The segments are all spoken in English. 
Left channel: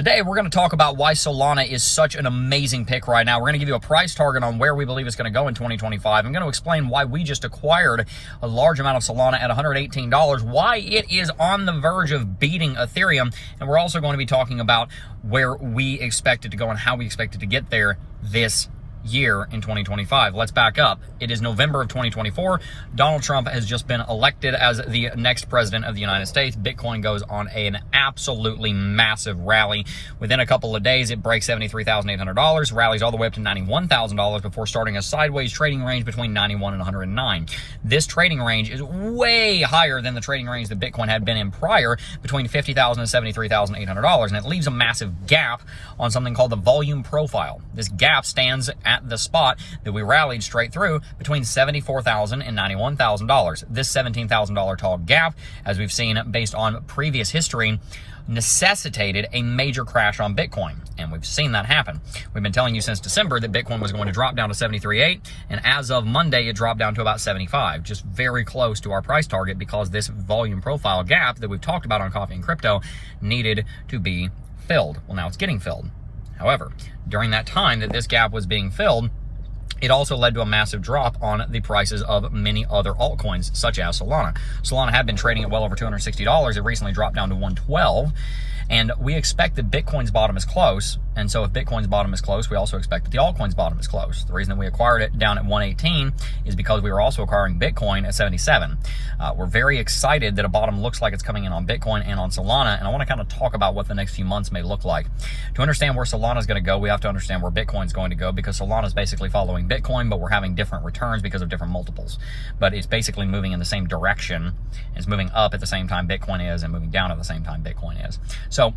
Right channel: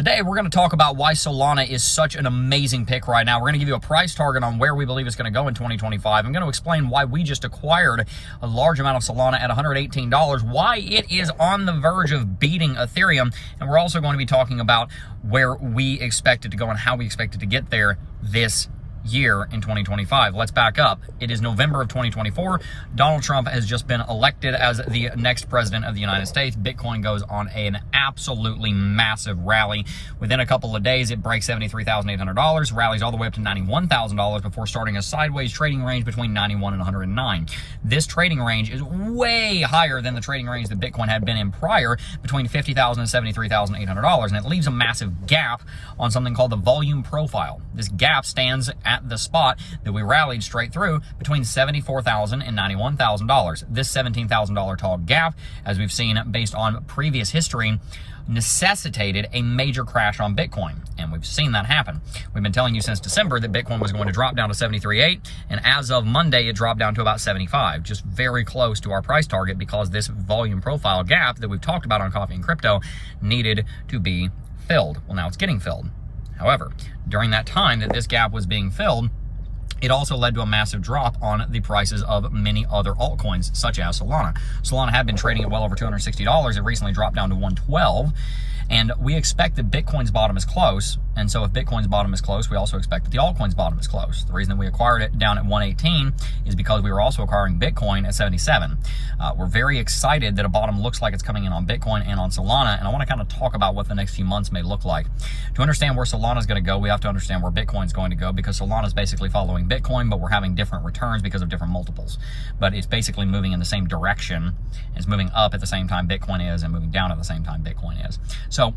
Today, we're going to talk about why Solana is such an amazing pick right now. We're going to give you a price target on where we believe it's going to go in 2025. I'm going to explain why we just acquired a large amount of Solana at $118, why it is on the verge of beating Ethereum, and we're also going to be talking about where we expect it to go and how we expect it to get there this year in 2025. Let's back up. It is November of 2024. Donald Trump has just been elected as the next president of the United States. Bitcoin goes on an absolutely massive rally. Within a couple of days, it breaks $73,800, rallies all the way up to $91,000 before starting a sideways trading range between 91 and 109. This trading range is way higher than the trading range that Bitcoin had been in prior, between $50,000 and $73,800, and it leaves a massive gap on something called the volume profile. This gap stands at the spot that we rallied straight through between $74,000 and $91,000. This $17,000 tall gap, as we've seen based on previous history, necessitated a major crash on Bitcoin, and we've seen that happen. We've been telling you since December that Bitcoin was going to drop down to 73.8, and as of Monday, it dropped down to about 75, just very close to our price target because this volume profile gap that we've talked about on Coffee and Crypto needed to be filled. Well, now it's getting filled. However, during that time that this gap was being filled, it also led to a massive drop on the prices of many other altcoins, such as Solana. Solana had been trading at well over $260. It recently dropped down to $112. And we expect that Bitcoin's bottom is close. And so if Bitcoin's bottom is close, we also expect that the altcoin's bottom is close. The reason that we acquired it down at 118 is because we were also acquiring Bitcoin at 77. We're very excited that a bottom looks like it's coming in on Bitcoin and on Solana. And I want to kind of talk about what the next few months may look like. To understand where Solana is going to go, we have to understand where Bitcoin's going to go, because Solana is basically following Bitcoin, but we're having different returns because of different multiples. But it's basically moving in the same direction. It's moving up at the same time Bitcoin is and moving down at the same time Bitcoin is. So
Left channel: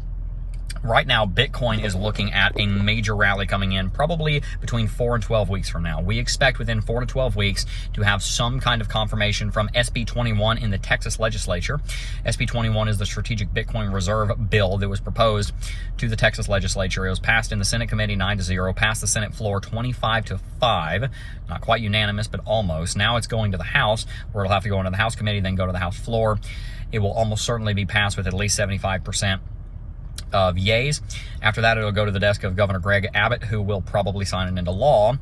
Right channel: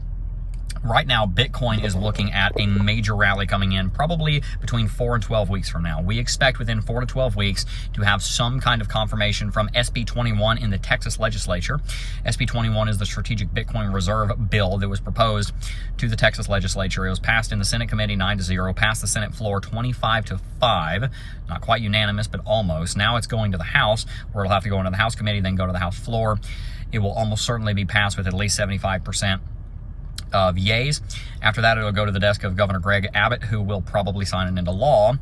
right now, Bitcoin is looking at a major rally coming in probably between 4 and 12 weeks from now. We expect within 4 to 12 weeks to have some kind of confirmation from SB 21 in the Texas legislature. SB 21 is the Strategic Bitcoin Reserve bill that was proposed to the Texas legislature. It was passed in the Senate committee 9-0, passed the Senate floor 25-5. Not quite unanimous, but almost. Now it's going to the House, where it'll have to go into the House committee, then go to the House floor. It will almost certainly be passed with at least 75% of yays. After that, it'll go to the desk of Governor Greg Abbott, who will probably sign it into law.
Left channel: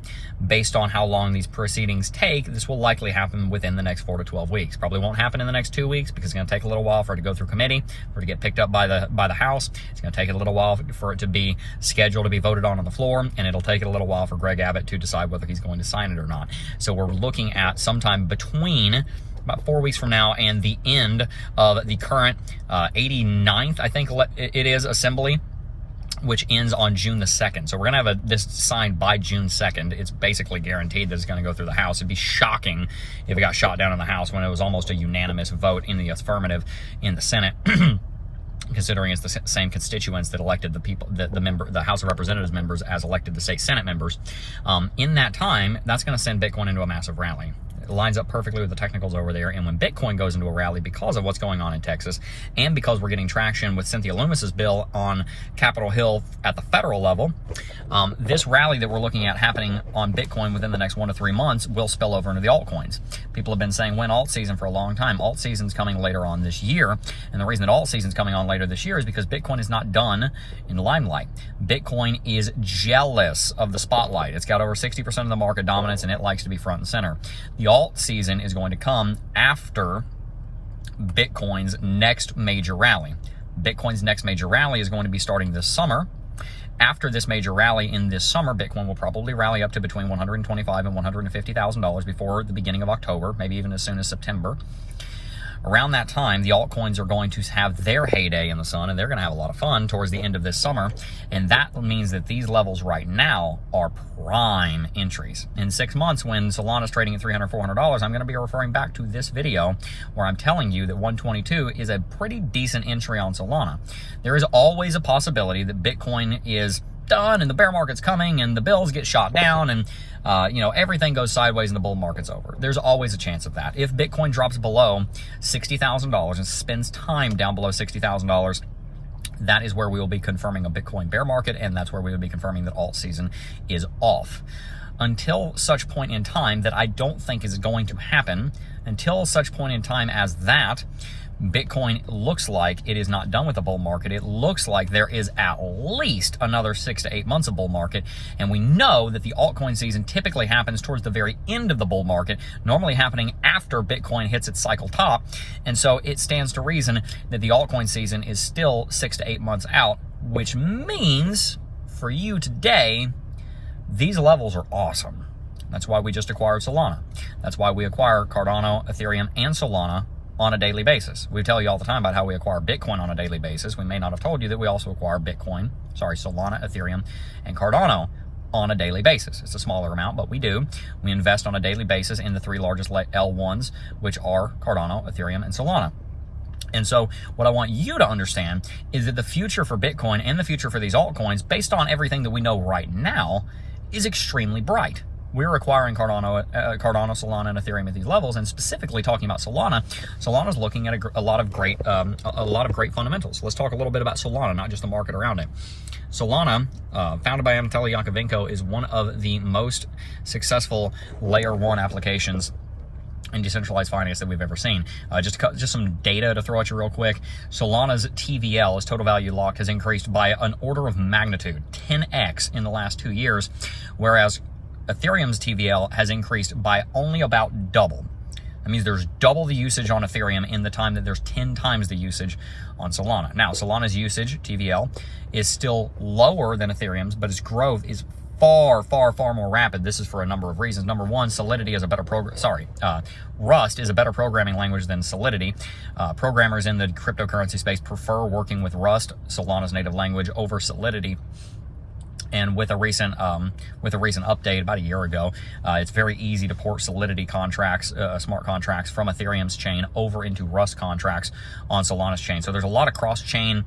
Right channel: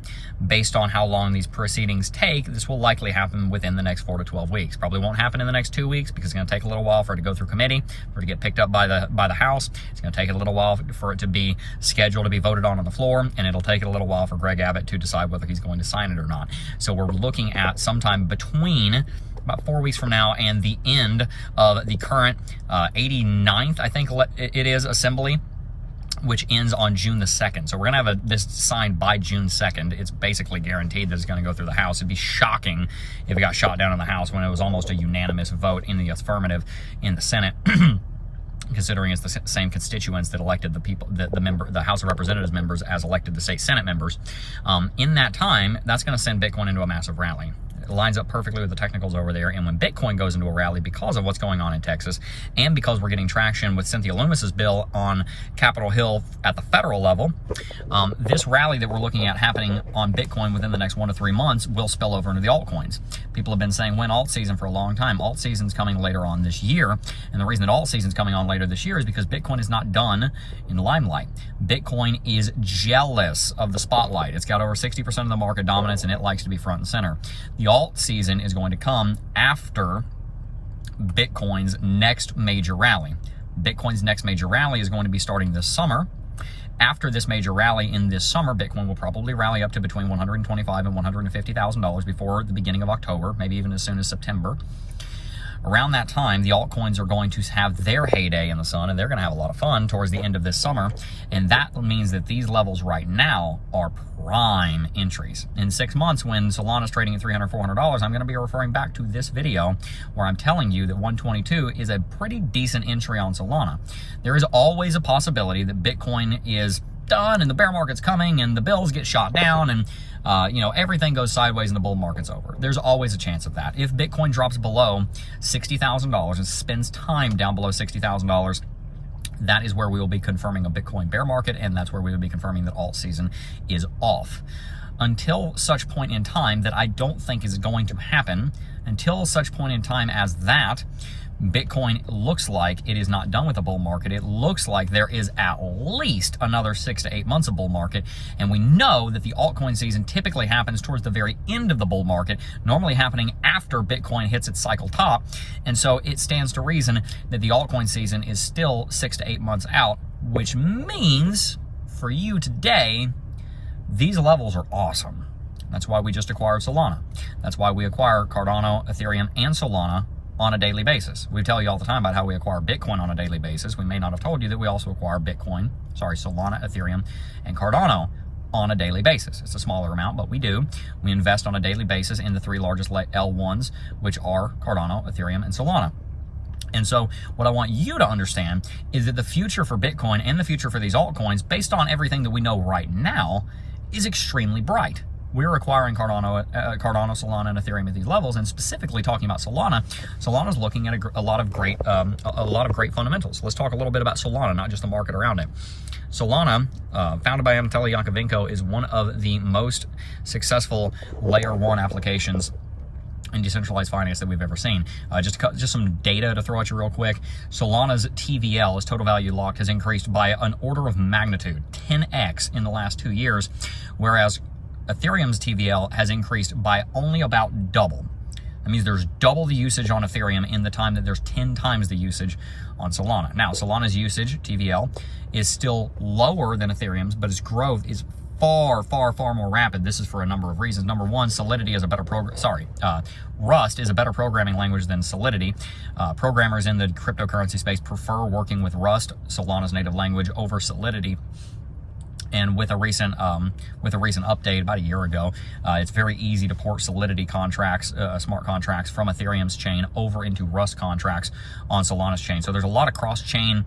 Based on how long these proceedings take, this will likely happen within the next 4 to 12 weeks. Probably won't happen in the next 2 weeks because it's going to take a little while for it to go through committee, for it to get picked up by the House. It's going to take a little while for it to be scheduled to be voted on the floor, and it'll take a little while for Greg Abbott to decide whether he's going to sign it or not. So we're looking at sometime between about 4 weeks from now and the end of the current 89th, I think it is, assembly, which ends on June the 2nd. So we're going to have this signed by June 2nd. It's basically guaranteed that it's going to go through the House. It'd be shocking if it got shot down in the House when it was almost a unanimous vote in the affirmative in the Senate. Considering it's the same constituents that elected the people, the House of Representatives members as elected the state Senate members. In that time, that's going to send Bitcoin into a massive rally. It lines up perfectly with the technicals over there. And when Bitcoin goes into a rally because of what's going on in Texas, and because we're getting traction with Cynthia Lummis's bill on Capitol Hill at the federal level, this rally that we're looking at happening on Bitcoin within the next 1 to 3 months will spill over into the altcoins. People have been saying when alt season for a long time. Alt season's coming later on this year. And the reason that alt season's coming on later this year is because Bitcoin is not done in the limelight. Bitcoin is jealous of the spotlight. It's got over 60% of the market dominance, and it likes to be front and center. The alt season is going to come after Bitcoin's next major rally. Bitcoin's next major rally is going to be starting this summer. After this major rally in this summer, Bitcoin will probably rally up to between $125,000 and $150,000 before the beginning of October, maybe even as soon as September. Around that time, the altcoins are going to have their heyday in the sun, and they're going to have a lot of fun towards the end of this summer. And that means that these levels right now are prime entries. In 6 months, when Solana's trading at $300, $400, I'm going to be referring back to this video where I'm telling you that 122 is a pretty decent entry on Solana. There is always a possibility that Bitcoin is done and the bear market's coming and the bills get shot down and everything goes sideways and the bull market's over. There's always a chance of that. If Bitcoin drops below $60,000 and spends time down below $60,000, that is where we will be confirming a Bitcoin bear market, and that's where we will be confirming that alt season is off. Until such point in time that I don't think is going to happen, until such point in time as that, Bitcoin looks like it is not done with the bull market. It looks like there is at least another 6 to 8 months of bull market. And we know that the altcoin season typically happens towards the very end of the bull market, normally happening after Bitcoin hits its cycle top. And so it stands to reason that the altcoin season is still 6 to 8 months out, which means for you today, these levels are awesome. That's why we just acquired Solana. That's why we acquire Cardano, Ethereum, and Solana on a daily basis. We tell you all the time about how we acquire Bitcoin on a daily basis. We may not have told you that we also acquire Solana, Ethereum, and Cardano on a daily basis. It's a smaller amount, but we do. We invest on a daily basis in the 3 largest L1s, which are Cardano, Ethereum, and Solana. And so what I want you to understand is that the future for Bitcoin and the future for these altcoins, based on everything that we know right now, is extremely bright. We're acquiring Cardano, Solana, and Ethereum at these levels, and specifically talking about Solana. Solana's looking at a lot of great fundamentals. Let's talk a little bit about Solana, not just the market around it. Solana, founded by Anatoly Yakovenko, is one of the most successful layer 1 applications in decentralized finance that we've ever seen. Just some data to throw at you real quick. Solana's TVL, its total value locked, has increased by an order of magnitude, 10x in the last 2 years, whereas Ethereum's TVL has increased by only about double. That means there's double the usage on Ethereum in the time that there's 10 times the usage on Solana. Now, Solana's usage, TVL, is still lower than Ethereum's, but its growth is far more rapid. This is for a number of reasons. Number one, Solidity is a better Rust is a better programming language than Solidity. Programmers in the cryptocurrency space prefer working with Rust, Solana's native language, over Solidity. And with a recent update about a year ago, it's very easy to port Solidity contracts, smart contracts from Ethereum's chain over into Rust contracts on Solana's chain. So there's a lot of cross-chain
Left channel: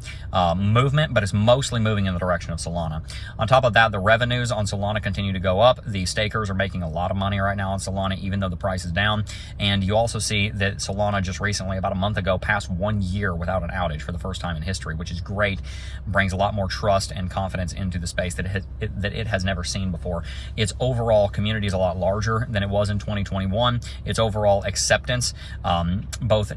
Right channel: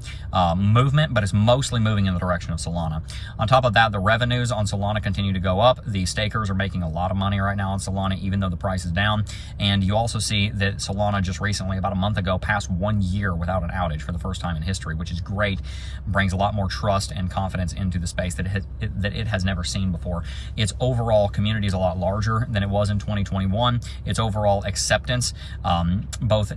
movement, but it's mostly moving in the direction of Solana. On top of that, the revenues on Solana continue to go up. The stakers are making a lot of money right now on Solana, even though the price is down. And you also see that Solana just recently, about a month ago, passed 1 year without an outage for the first time in history, which is great. Brings a lot more trust and confidence into the space that it has never seen before. Its overall community is a lot larger than it was in 2021. Its overall acceptance, both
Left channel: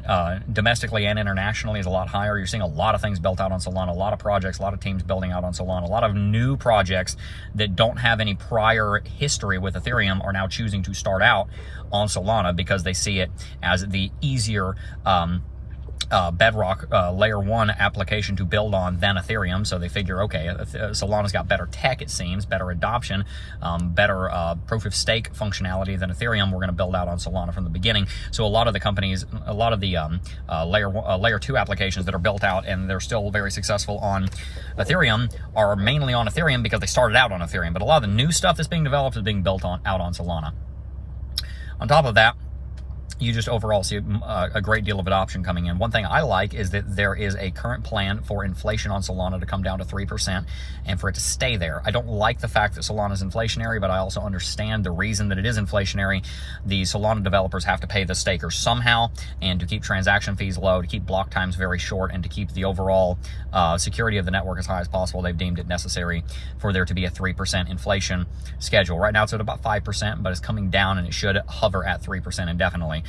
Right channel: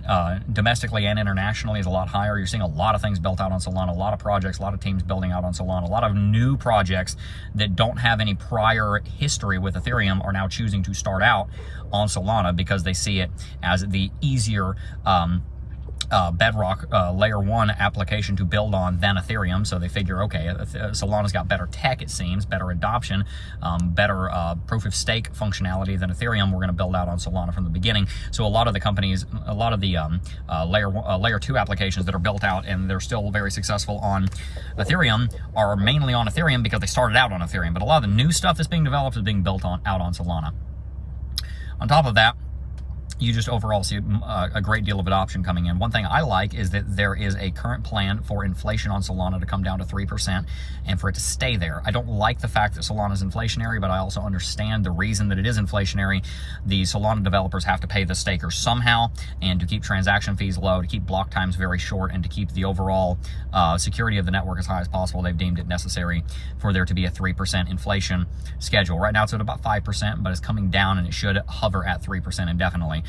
domestically and internationally, is a lot higher. You're seeing a lot of things built out on Solana, a lot of projects, a lot of teams building out on Solana, a lot of new projects that don't have any prior history with Ethereum are now choosing to start out on Solana because they see it as the easier bedrock layer 1 application to build on than Ethereum. So they figure, okay, Solana's got better tech, it seems, better adoption, better proof of stake functionality than Ethereum. We're going to build out on Solana from the beginning. So a lot of the companies, a lot of the layer 2 applications that are built out and they're still very successful on Ethereum are mainly on Ethereum because they started out on Ethereum. But a lot of the new stuff that's being developed is being built out on Solana. On top of that, you just overall see a great deal of adoption coming in. One thing I like is that there is a current plan for inflation on Solana to come down to 3% and for it to stay there. I don't like the fact that Solana is inflationary, but I also understand the reason that it is inflationary. The Solana developers have to pay the stakers somehow, and to keep transaction fees low, to keep block times very short, and to keep the overall security of the network as high as possible, they've deemed it necessary for there to be a 3% inflation schedule. Right now it's at about 5%, but it's coming down and it should hover at 3% indefinitely.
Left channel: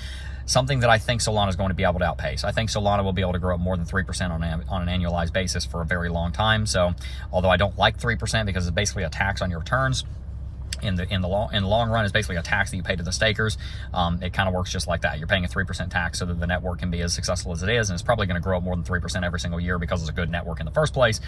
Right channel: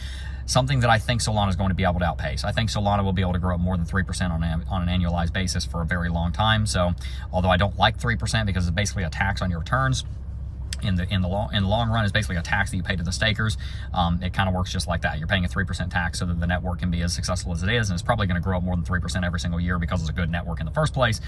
Something that I think Solana is going to be able to outpace. I think Solana will be able to grow up more than 3% on an annualized basis for a very long time. So, although I don't like 3% because it's basically a tax on your returns, in the long run, it's basically a tax that you pay to the stakers. It kind of works just like that. You're paying a 3% tax so that the network can be as successful as it is, and it's probably going to grow up more than 3% every single year because it's a good network in the first place.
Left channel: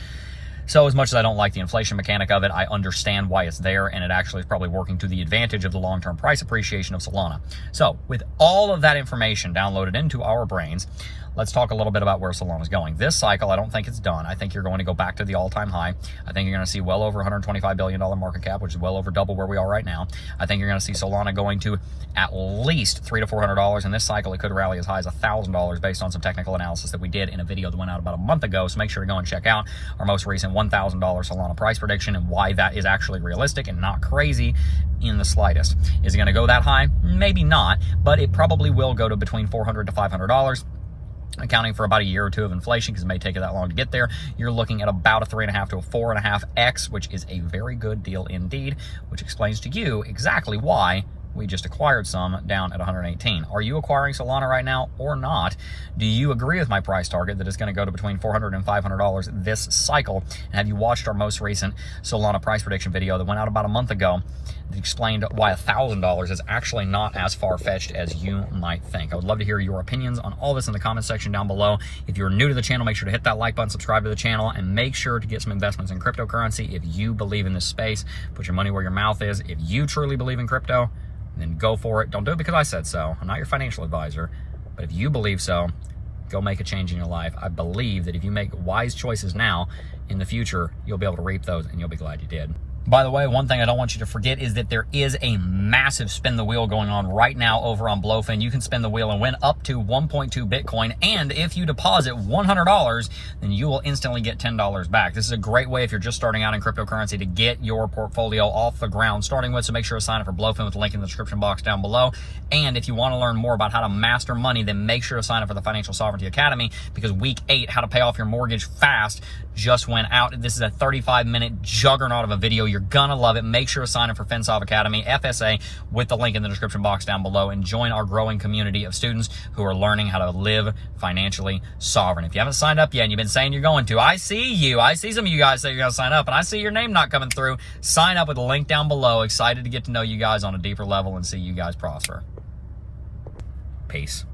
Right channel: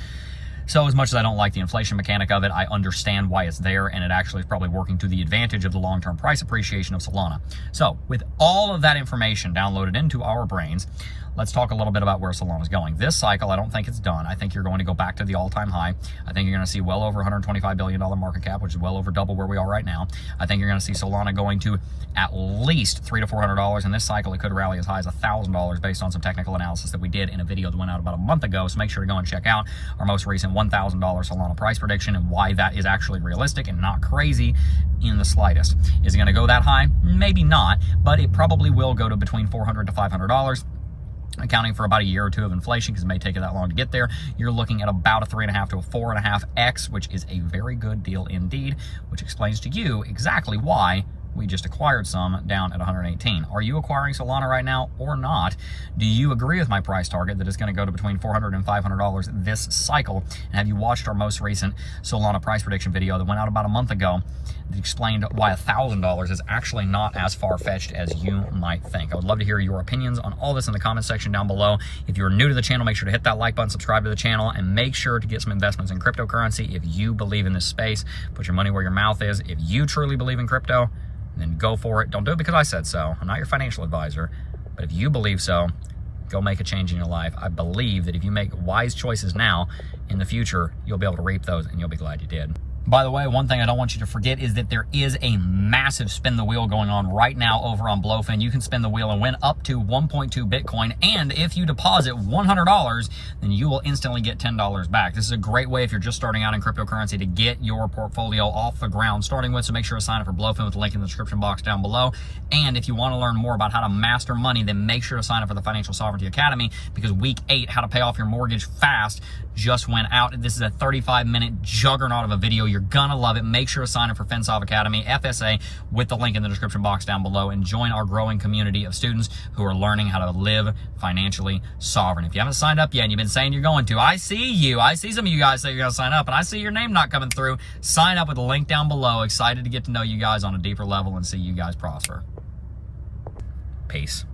So as much as I don't like the inflation mechanic of it, I understand why it's there, and it actually is probably working to the advantage of the long-term price appreciation of Solana. So with all of that information downloaded into our brains, let's talk a little bit about where Solana is going. This cycle, I don't think it's done. I think you're going to go back to the all-time high. I think you're going to see well over $125 billion market cap, which is well over double where we are right now. I think you're going to see Solana going to at least $300 to $400. In this cycle, it could rally as high as $1,000 based on some technical analysis that we did in a video that went out about a month ago. So make sure to go and check out our most recent $1,000 Solana price prediction and why that is actually realistic and not crazy in the slightest. Is it going to go that high? Maybe not, but it probably will go to between $400 to $500. Accounting for about a year or two of inflation, because it may take it that long to get there. You're looking at about a 3.5 to a 4.5x, which is a very good deal indeed, which explains to you exactly why we just acquired some down at 118. Are you acquiring Solana right now or not? Do you agree with my price target that it's going to go to between $400 and $500 this cycle? And have you watched our most recent Solana price prediction video that went out about a month ago that explained why $1,000 is actually not as far-fetched as you might think? I would love to hear your opinions on all this in the comment section down below. If you're new to the channel, make sure to hit that like button, subscribe to the channel, and make sure to get some investments in cryptocurrency if you believe in this space. Put your money where your mouth is. If you truly believe in crypto, then go for it. Don't do it because I said so. I'm not your financial advisor, but if you believe so, go make a change in your life. I believe that if you make wise choices now, in the future, you'll be able to reap those and you'll be glad you did. By the way, one thing I don't want you to forget is that there is a massive spin the wheel going on right now over on Blowfin. You can spin the wheel and win up to 1.2 Bitcoin. And if you deposit $100, then you will instantly get $10 back. This is a great way if you're just starting out in cryptocurrency to get your portfolio off the ground starting with. So make sure to sign up for Blowfin with the link in the description box down below. And if you want to learn more about how to master money, then make sure to sign up for the Financial Sovereignty Academy, because week 8, how to pay off your mortgage fast, just went out. This is a 35-minute juggernaut of a video. You're gonna love it. Make sure to sign up for FinSov Academy, FSA, with the link in the description box down below, and join our growing community of students who are learning how to live financially sovereign. If you haven't signed up yet and you've been saying you're going to, I see you. I see some of you guys say you're gonna sign up, and I see your name not coming through. Sign up with the link down below. Excited to get to know you guys on a deeper level and see you guys prosper. Peace.